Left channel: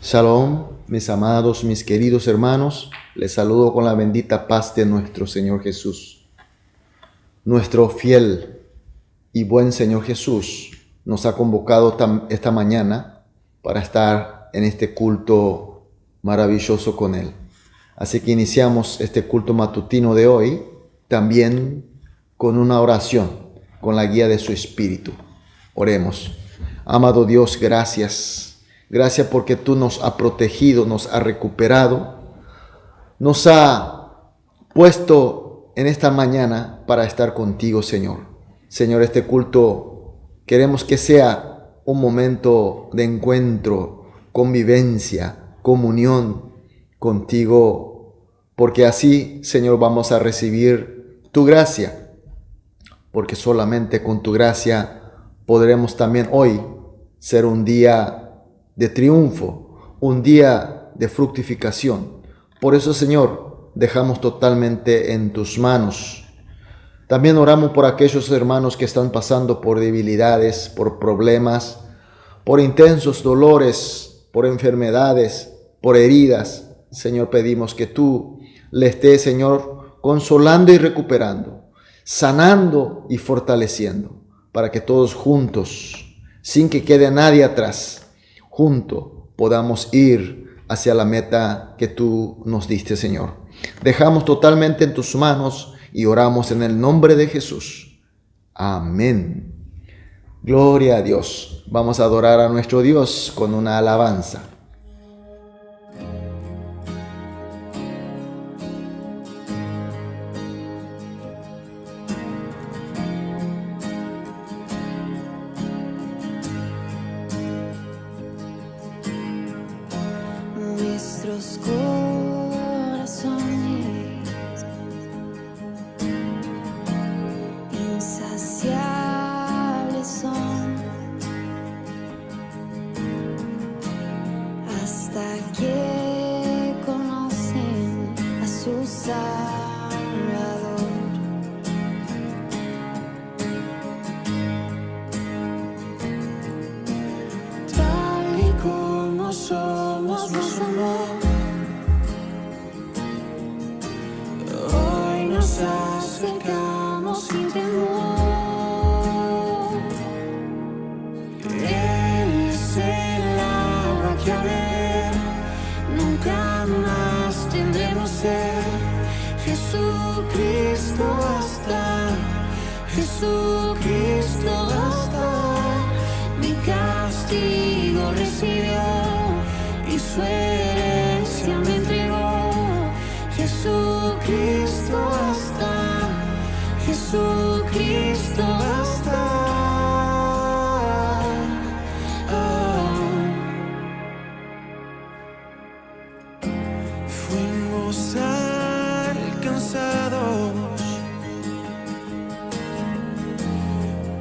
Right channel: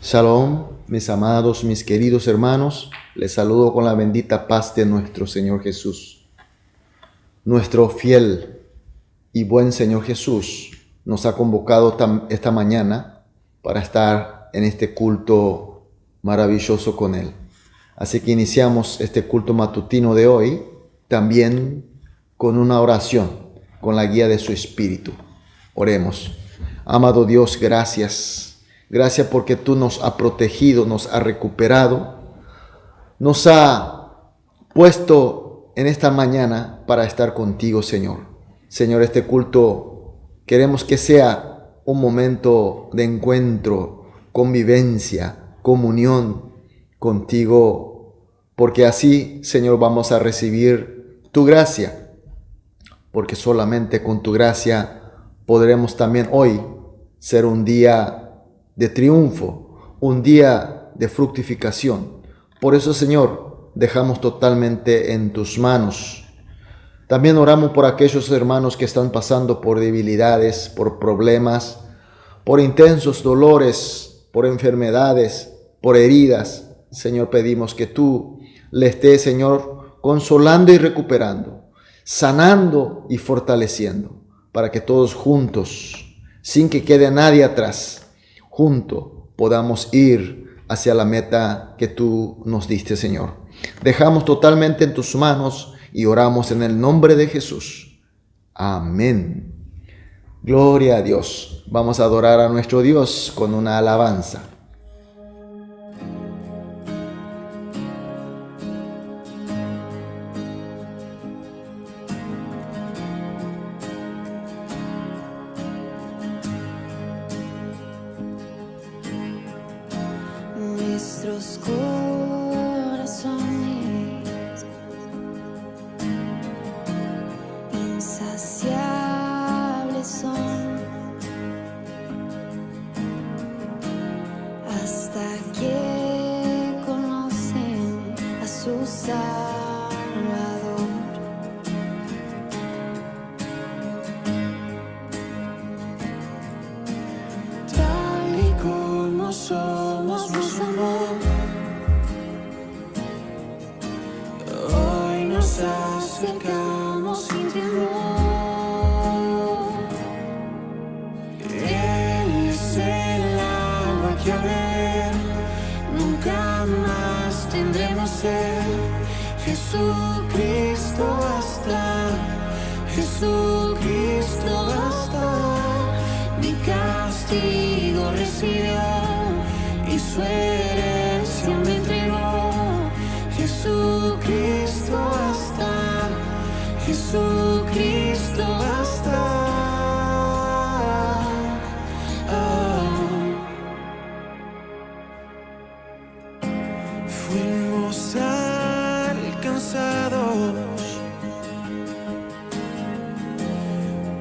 Shalom, mis amados, mis queridos hermanos, les saludo con la bendita paz de nuestro Señor Jesús. Nuestro fiel y buen Señor Jesús nos ha convocado esta mañana para estar en este culto maravilloso con Él. Así que iniciamos este culto matutino de hoy también con una oración, con la guía de su Espíritu. Oremos. Amado Dios, gracias. Gracias porque tú nos has protegido, nos has recuperado, nos has puesto en esta mañana para estar contigo, Señor. Señor, este culto queremos que sea un momento de encuentro, convivencia, comunión contigo, porque así, Señor, vamos a recibir tu gracia, porque solamente con tu gracia podremos también hoy ser un día de triunfo, un día de fructificación. Por eso, Señor, dejamos totalmente en tus manos. También oramos por aquellos hermanos que están pasando por debilidades, por problemas, por intensos dolores, por enfermedades, por heridas. Señor, pedimos que tú le estés, Señor, consolando y recuperando, sanando y fortaleciendo, para que todos juntos, sin que quede nadie atrás, juntos podamos ir hacia la meta que tú nos diste, Señor. Dejamos totalmente en tus manos y oramos en el nombre de Jesús. Amén. Gloria a Dios. Vamos a adorar a nuestro Dios con una alabanza. Nuestros corazones insaciables son hasta que conocen a su Salvador. Tal y como somos, nos amó. Hoy nos acercamos sin temor. Él es el agua que a beber nunca más tendremos sed. Jesucristo basta, Jesucristo basta. Mi castigo recibió y su herencia me entregó. Jesucristo basta, Jesucristo basta. Fuimos alcanzados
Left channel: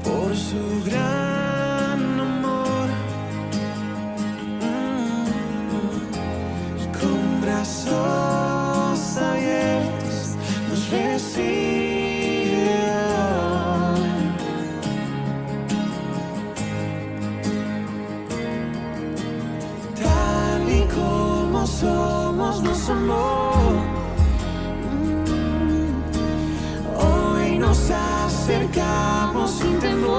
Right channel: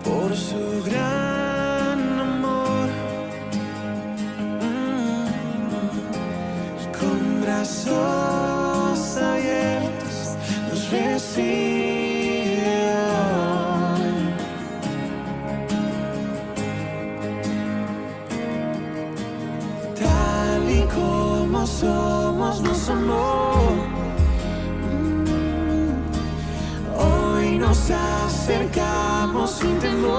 por su gran amor. Con brazos abiertos nos recibe hoy. Tal y como somos, nos amó. Hoy nos acercamos sin temor.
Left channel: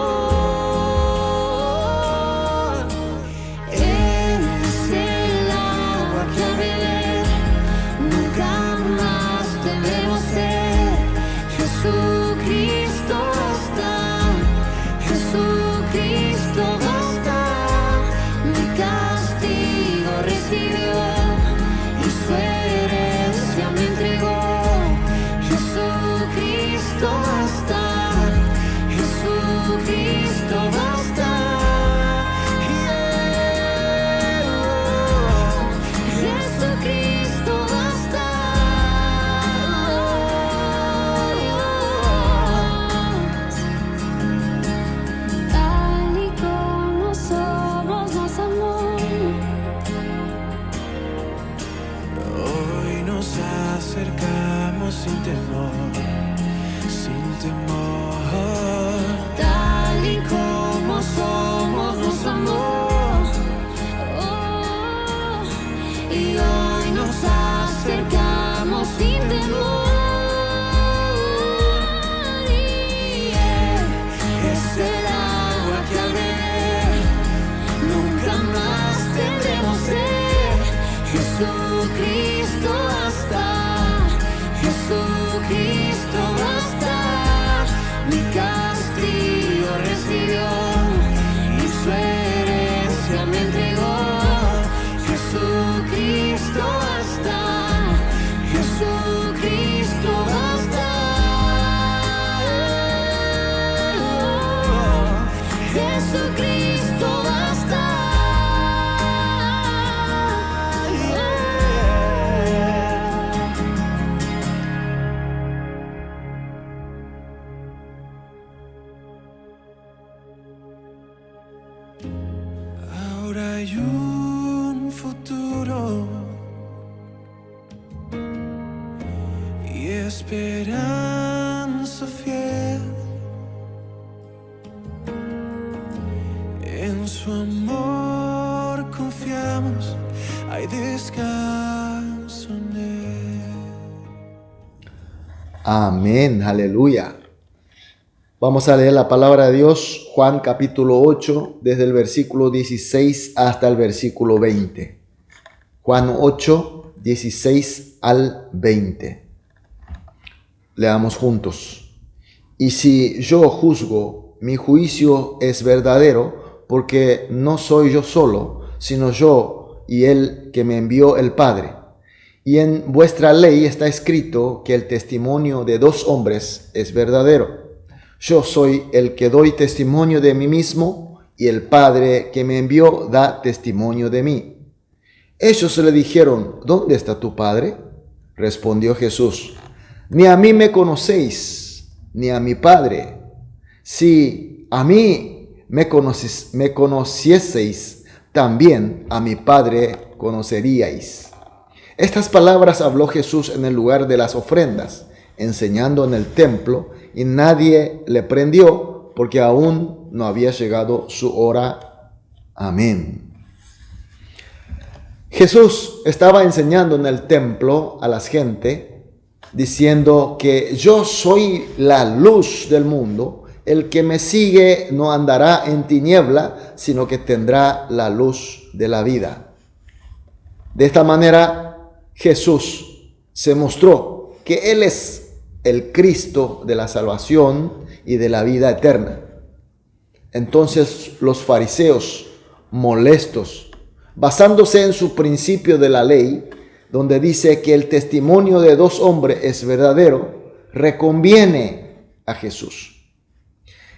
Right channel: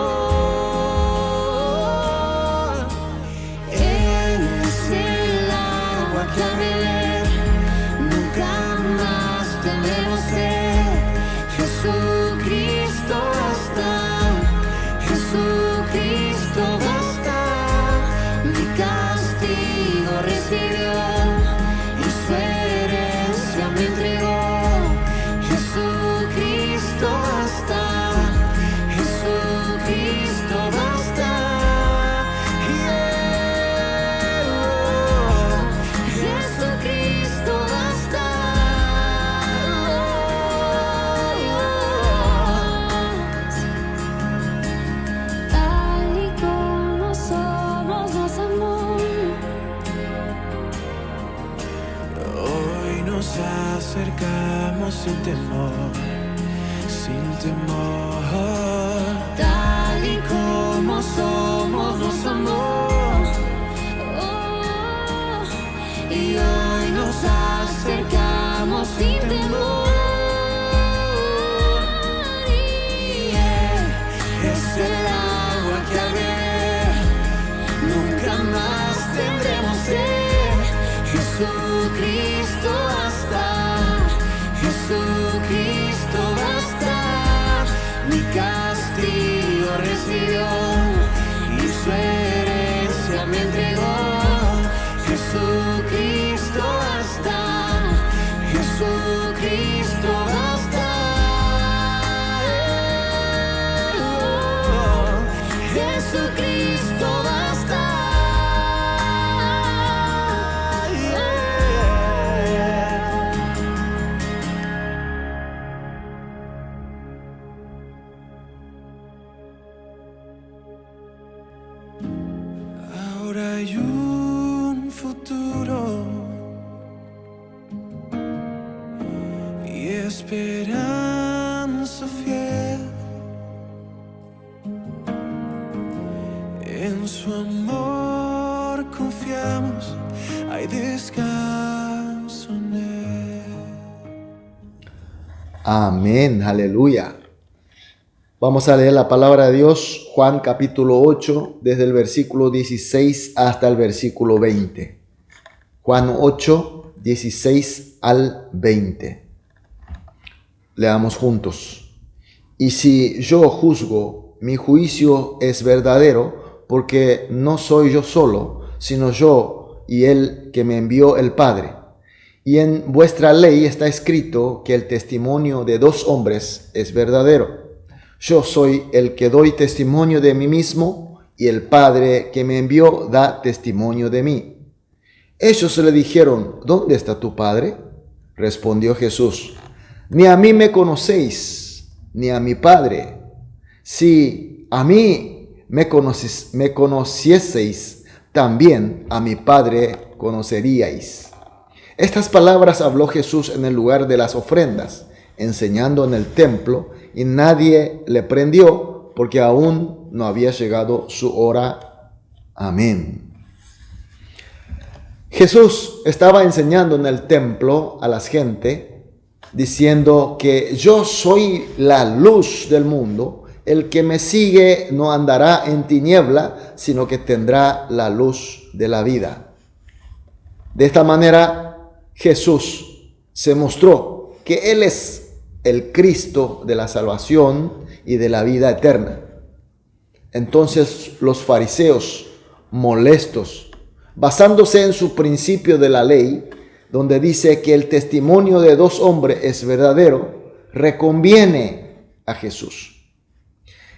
Él es el agua que a beber nunca más tendremos sed. Jesucristo basta, Jesucristo basta. Mi castigo recibió y su herencia me entregó. Jesucristo basta, Jesucristo basta. Jesucristo basta. Tal y como somos, nos amó. Hoy nos acercamos sin temor, sin temor. Tal y como somos, nos amó. Oh. y hoy nos acercamos sin temor. Y Él es el agua que al beber nunca más tendremos sed. Jesucristo basta, Jesucristo basta. Mi castigo recibió y su herencia me entregó. Jesucristo basta, Jesucristo basta. Jesucristo basta. Ahora hay un futuro y esperanza fiel. En su amor confiamos, hay descanso en Él. Amén, aleluya. Vamos a leer la palabra de Dios, Juan capítulo 8, desde el versículo 16 hasta el versículo 20. Juan 8, 16 al 20. Leamos juntos. Y si yo juzgo, mi juicio es verdadero, porque no soy yo solo, sino yo y el que me envió el Padre. Y en vuestra ley está escrito que el testimonio de dos hombres es verdadero. Yo soy el que doy testimonio de mí mismo, y el Padre que me envió da testimonio de mí. Ellos le dijeron, ¿dónde está tu Padre? Respondió Jesús, ni a mí me conocéis, ni a mi Padre. Si a mí me conocieseis, también a mi Padre conoceríais. Estas palabras habló Jesús en el lugar de las ofrendas, enseñando en el templo, y nadie le prendió, porque aún no había llegado su hora. Amén. Jesús estaba enseñando en el templo a la gente, diciendo que yo soy la luz del mundo. El que me sigue no andará en tiniebla, sino que tendrá la luz de la vida. De esta manera, Jesús se mostró que Él es el Cristo de la salvación y de la vida eterna. Entonces los fariseos, molestos, basándose en su principio de la ley, donde dice que el testimonio de dos hombres es verdadero, reconviene a Jesús.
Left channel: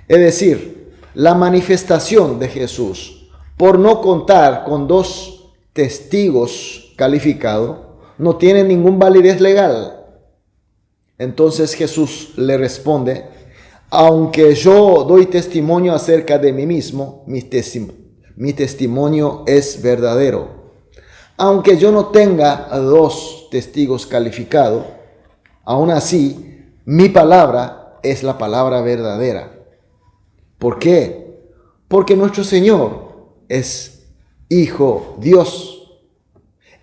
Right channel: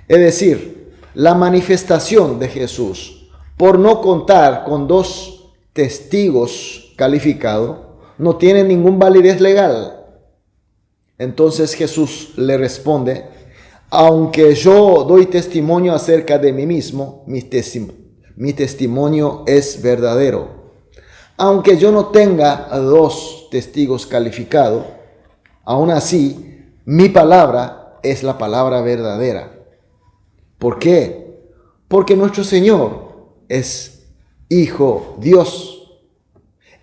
Es decir, la manifestación de Jesús, por no contar con dos testigos calificados, no tiene ninguna validez legal. Entonces Jesús le responde, aunque yo doy testimonio acerca de mí mismo, mi testimonio es verdadero. Aunque yo no tenga dos testigos calificados, aún así, mi palabra es la palabra verdadera. ¿Por qué? Porque nuestro Señor es Hijo Dios,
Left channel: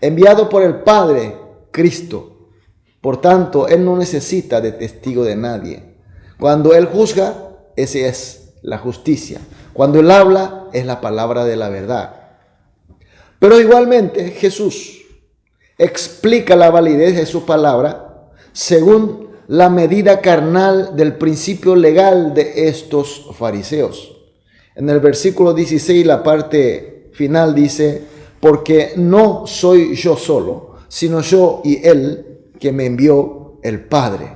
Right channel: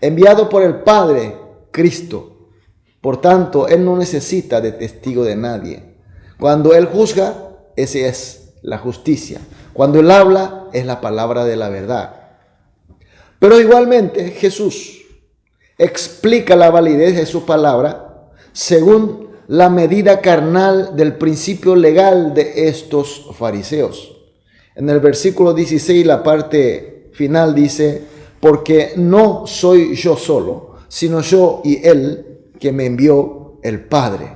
enviado por el Padre, Cristo. Por tanto, Él no necesita de testigo de nadie. Cuando Él juzga, esa es la justicia. Cuando Él habla, es la palabra de la verdad. Pero igualmente, Jesús explica la validez de su palabra según la medida carnal del principio legal de estos fariseos. En el versículo 16, la parte final dice, porque no soy yo solo, sino yo y Él que me envió el Padre.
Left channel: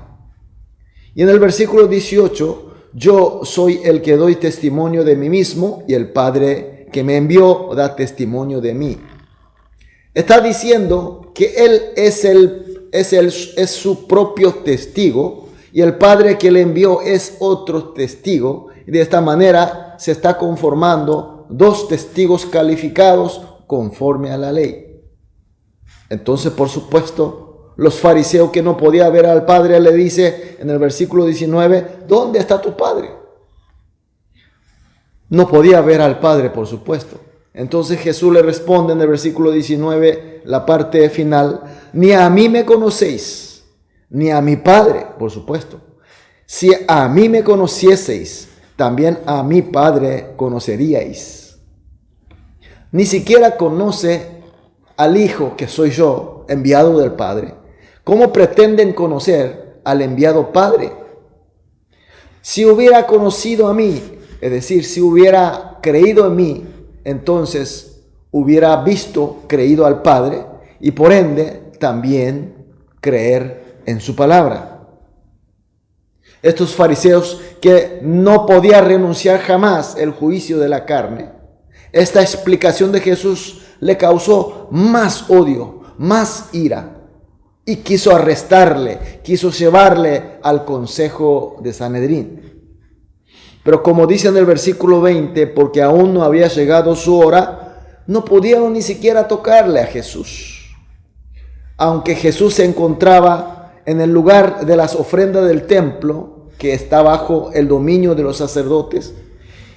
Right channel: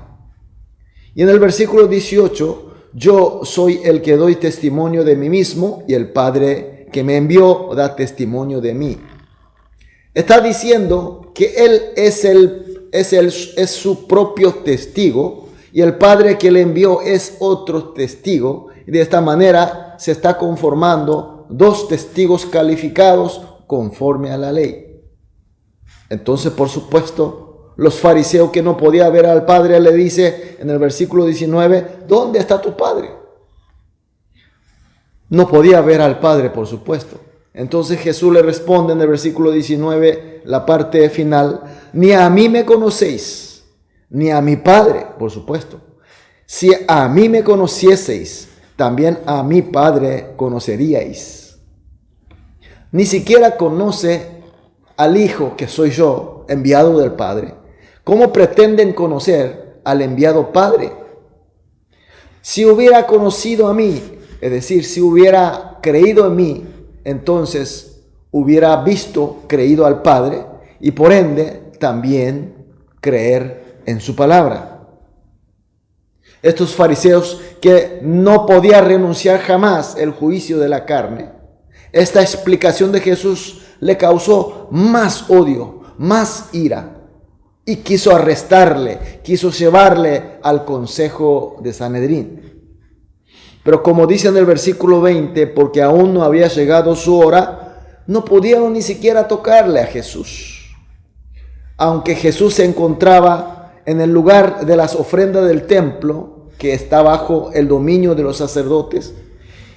Y en el versículo 18, yo soy el que doy testimonio de mí mismo, y el Padre que me envió da testimonio de mí. Está diciendo que Él es su propio testigo, y el Padre que le envió es otro testigo, y de esta manera se está conformando dos testigos calificados conforme a la ley. Entonces, por supuesto, los fariseos que no podían ver al Padre, le dice en el versículo 19, ¿dónde está tu Padre? No podía ver al Padre, por supuesto. Entonces Jesús le responde en el versículo 19, la parte final: ni a mí me conocéis, ni a mi Padre, por supuesto. Si a mí me conocieseis, también a mi Padre conoceríais. Ni siquiera conoce al Hijo, que soy yo, enviado del Padre. ¿Cómo pretenden conocer al enviado Padre? Si hubiera conocido a mí, es decir, si hubiera creído en mí, entonces hubiera visto, creído al Padre, y por ende también creer en su palabra. Estos fariseos, que no podían renunciar jamás el juicio de la carne, esta explicación de Jesús le causó más odio, más ira, y quiso arrestarle, quiso llevarle al consejo de Sanedrín. Pero como dice en el versículo 20, porque aún no había llegado su hora, no pudieron ni siquiera tocarle a Jesús. Aunque Jesús se encontraba en el lugar de las ofrendas del templo, que está bajo el dominio de los sacerdotes,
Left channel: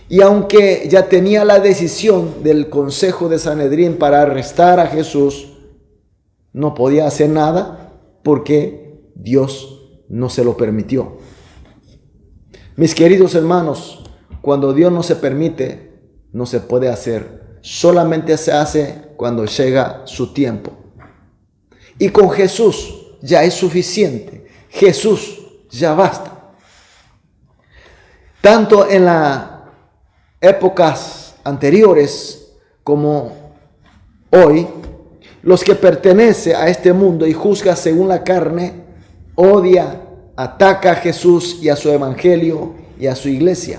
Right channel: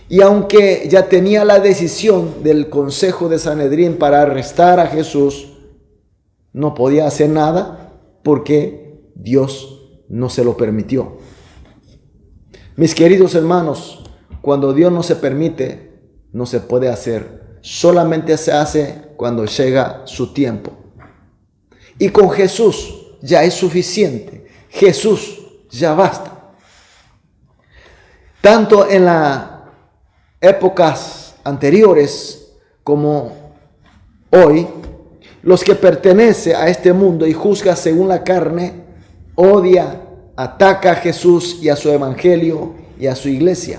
y aunque ya tenía la decisión del consejo de Sanedrín para arrestar a Jesús, no podía hacer nada porque Dios no se lo permitió. Mis queridos hermanos, cuando Dios no se permite, no se puede hacer. Solamente se hace cuando llega su tiempo. Y con Jesús ya es suficiente. Jesús ya basta. Tanto en las épocas anteriores como hoy, los que pertenecen a este mundo y juzgan según la carne, odia, ataca a Jesús y a su evangelio y a su iglesia.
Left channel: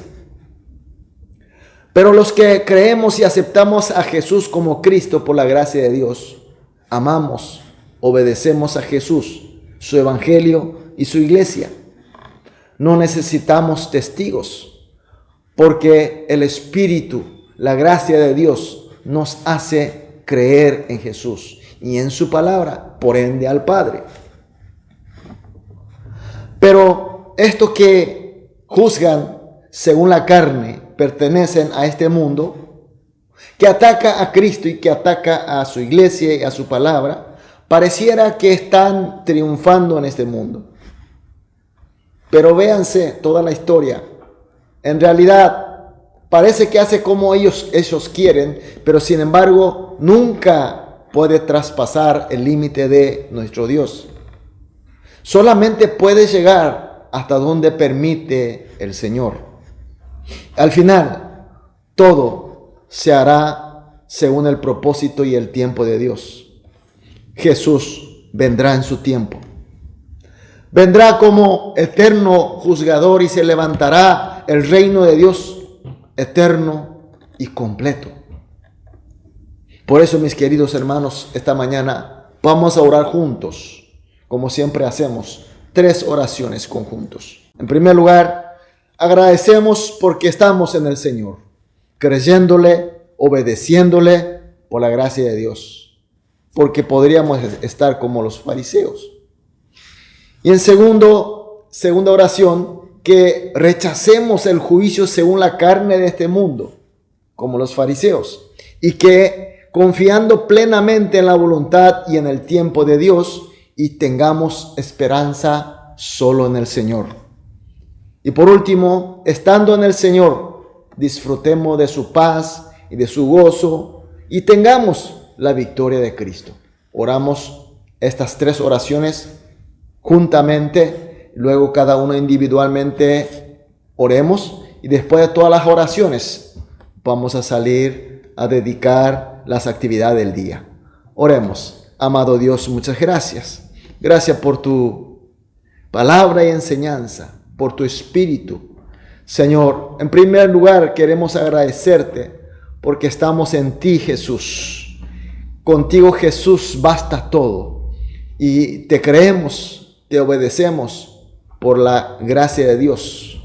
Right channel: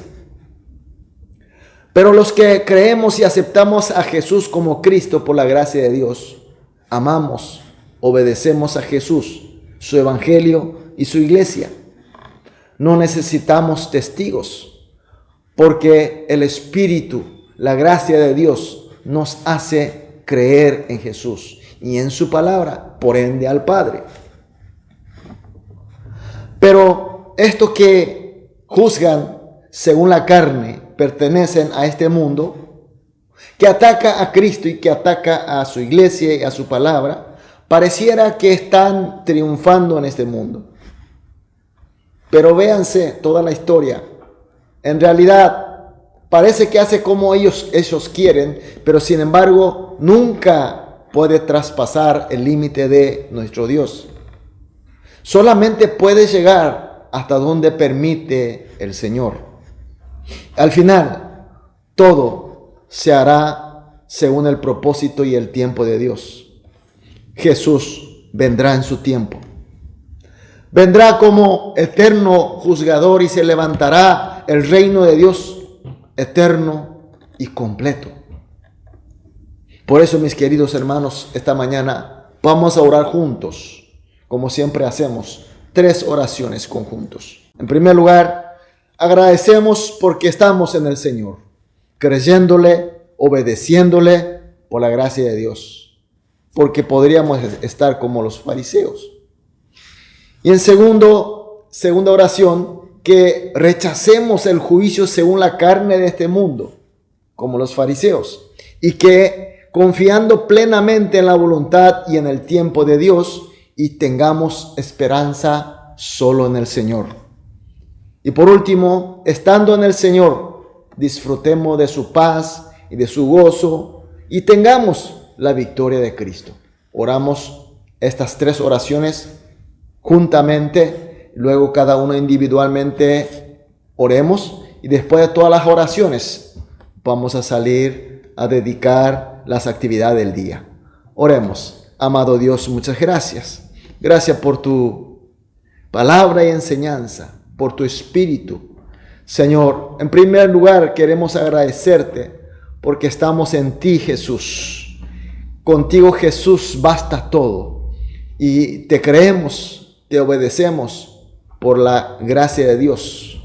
Pero los que creemos y aceptamos a Jesús como Cristo por la gracia de Dios, amamos, obedecemos a Jesús, su evangelio y su iglesia. No necesitamos testigos, porque el Espíritu, la gracia de Dios, nos hace creer en Jesús y en su palabra, por ende al Padre. Pero estos que juzgan según la carne pertenecen a este mundo, que ataca a Cristo y que ataca a su iglesia y a su palabra. Pareciera que están triunfando en este mundo. Pero véanse toda la historia. En realidad, parece que hace como ellos quieren, pero sin embargo, nunca puede traspasar el límite de nuestro Dios. Solamente puede llegar hasta donde permite el Señor. Al final, todo se hará según el propósito y el tiempo de Dios. Jesús vendrá en su tiempo. Vendrá como eterno juzgador y se levantará el reino de Dios eterno y completo. Por eso, mis queridos hermanos, esta mañana vamos a orar juntos, como siempre hacemos, 3 oraciones conjuntos. En primer lugar, agradecemos porque estamos en el Señor, creyéndole, obedeciéndole por la gracia de Dios, porque podríamos estar como los fariseos. Y en segunda oración, que rechacemos el juicio según la carne de este mundo, como los fariseos, y que confiando plenamente en la voluntad y en el tiempo de Dios, y tengamos esperanza solo en el Señor. Y por último, estando en el Señor, disfrutemos de su paz y de su gozo, y tengamos la victoria de Cristo. Oramos estas 3 oraciones juntamente, luego cada uno individualmente oremos, y después de todas las oraciones vamos a salir a dedicar las actividades del día. Oremos. Amado Dios, muchas gracias. Gracias por tu palabra y enseñanza, por tu espíritu. Señor, en primer lugar queremos agradecerte porque estamos en ti, Jesús. Contigo, Jesús, basta todo. Y te creemos, te obedecemos por la gracia de Dios.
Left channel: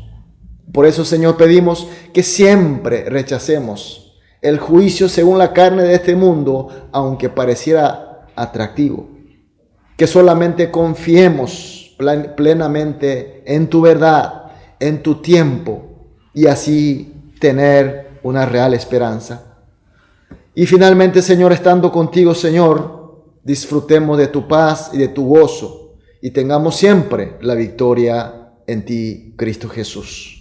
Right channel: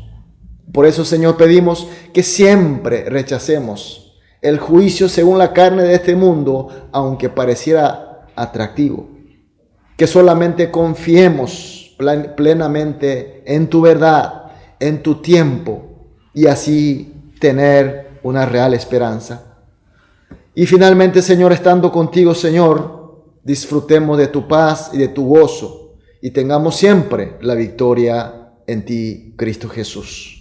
Por eso, Señor, pedimos que siempre rechacemos el juicio según la carne de este mundo, aunque pareciera atractivo. Que solamente confiemos plenamente en tu verdad, en tu tiempo, y así tener una real esperanza. Y finalmente, Señor, estando contigo, Señor, disfrutemos de tu paz y de tu gozo y tengamos siempre la victoria en ti, Cristo Jesús.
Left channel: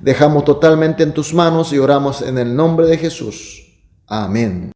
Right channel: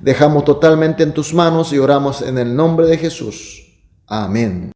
Dejamos totalmente en tus manos y oramos en el nombre de Jesús. Amén.